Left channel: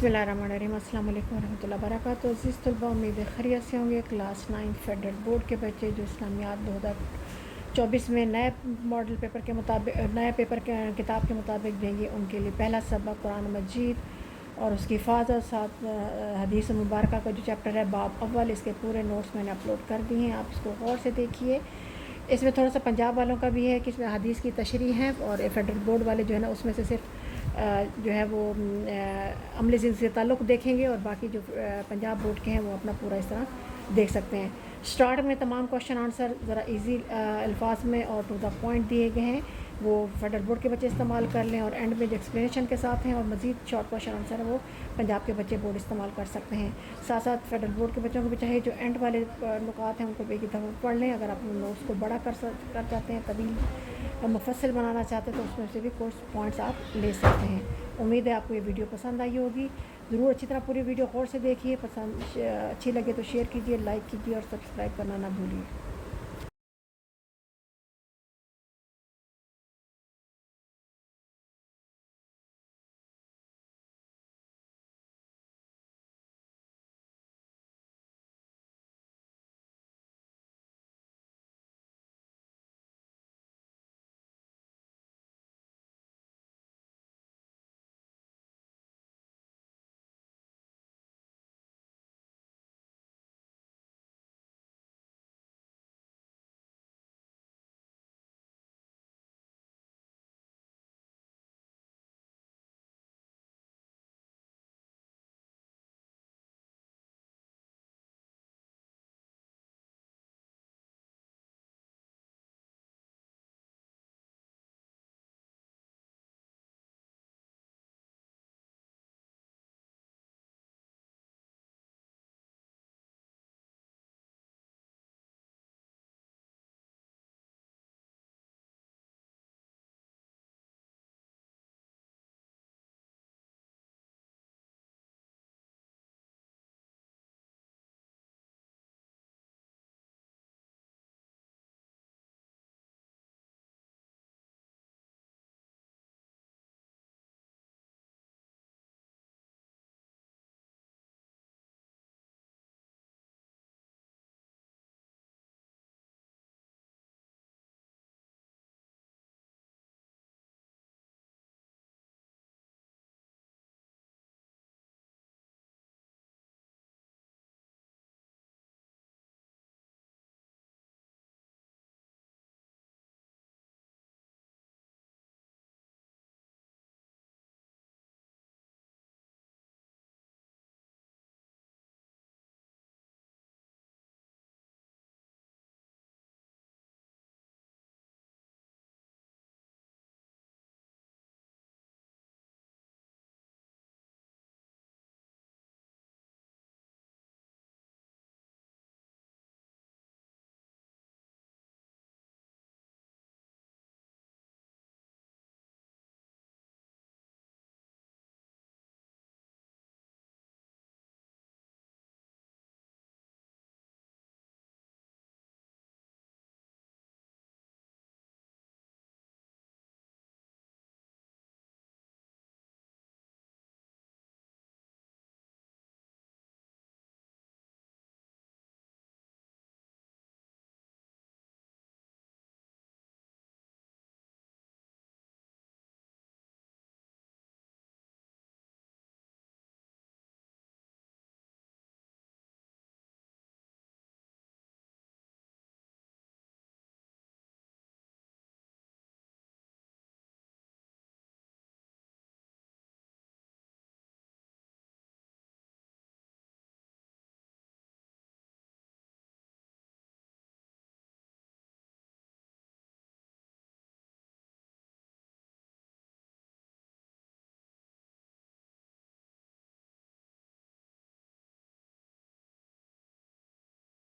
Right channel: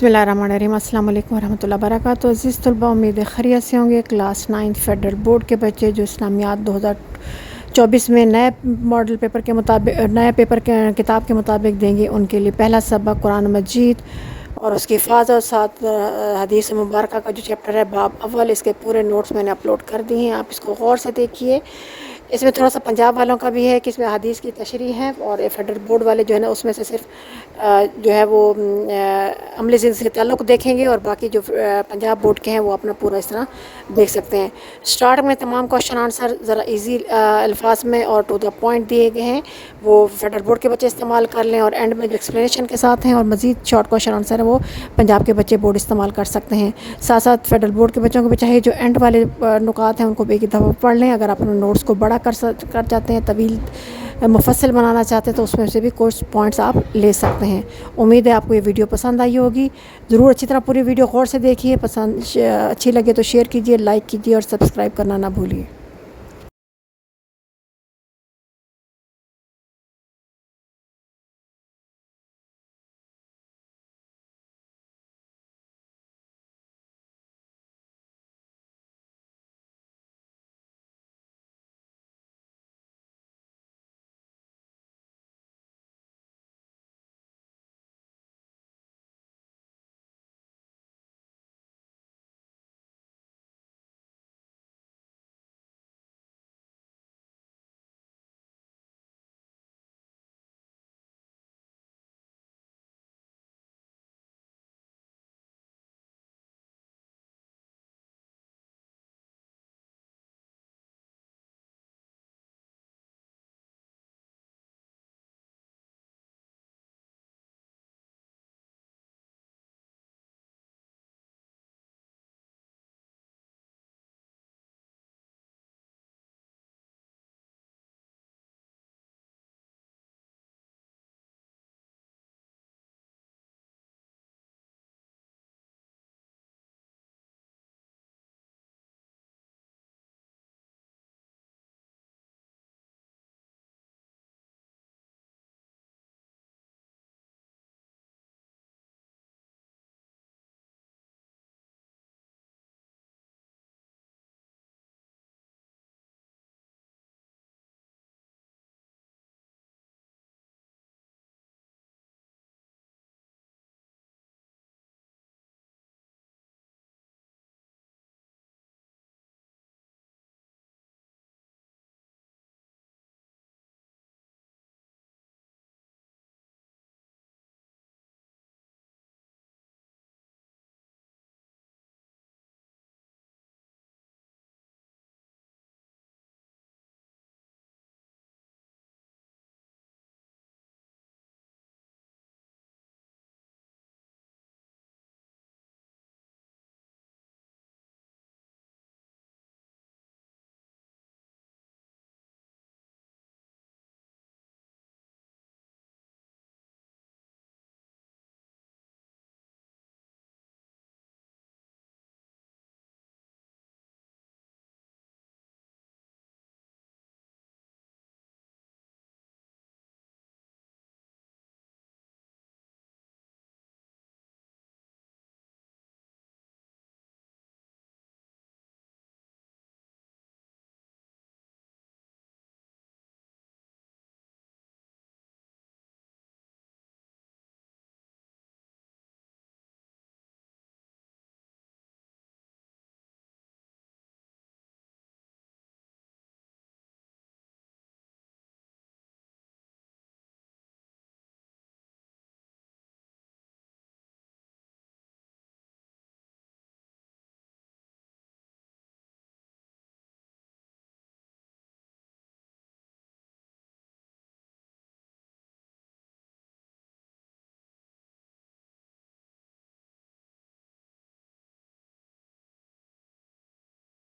बिस्मिल्लाहिर्रहमानिर्रहीम अस्सलाम वालेकुम वरहमतुल्लाहि वबरकातुहू। अज़ीज़ तलबा, उम्मीद है खैरियत से होंगे। क्लास 9 फेडरल बोर्ड के बच्चे जो इस्लामियात 2024 में नए मॉडल पेपर के मुताबिक नए पेपर के किताब के मुताबिक देंगे, उनके लिए पहला सबक कुरान मजीद और उसकी हिफाज़त और साथ हदीस मुबारक का जो चैप्टर है बाब अव्वल, इसके पूरे नोट्स मैंने अपलोड कर दिए हैं। आप इसको गौर से देखिए। इसमें थोड़ा सा पंजाब वालों का भी है कि इसमें हदीस की तशरीह है, और फेडरल बोर्ड वाले जो है ना उसमें से सिर्फ जो है वो अमली ज़िंदगी से ताल्लुक़ देखेंगे, और बाकी जो पंजाब बोर्ड के हैं वो अपना पूरा इस तरह देख सकते हैं। स्टार्ट में तमाम क्वेश्चन आंसर ज़रा इजी अल्फाज में और टू द पॉइंट दिए गए हैं, वो फेडरल बोर्ड के बच्चे इस्तेमाल कर लें, और एंड में जो एक्सप्लेनेशन के साथ हैं और मज़ीद शॉर्ट क्वेश्चन आंसर है वो पंजाब के बच्चे बोर्ड इस्तेमाल कर सकते हैं। साथ साथ फेडरल बोर्ड के बच्चों को भी चाहिए जो एंड वाले नुकात हैं उनको भी एक दफ़ा पढ़ लें। अगर अपने नोट्स को बड़ा कर जाते हैं, तवील मुफस्सिल बनाना चाहते हैं, तो उसमें से भी कुछ पॉइंट्स आप ले सकते हैं। उम्मीद है आपको ये वीडियो पसंद आई होगी। ज़रूर अच्छी तरह पूरी वीडियो गौर से देखिए। अच्छी लगे तो शेयर कीजिए, लाइक कीजिए और सब्सक्राइब करना ना भूलिए।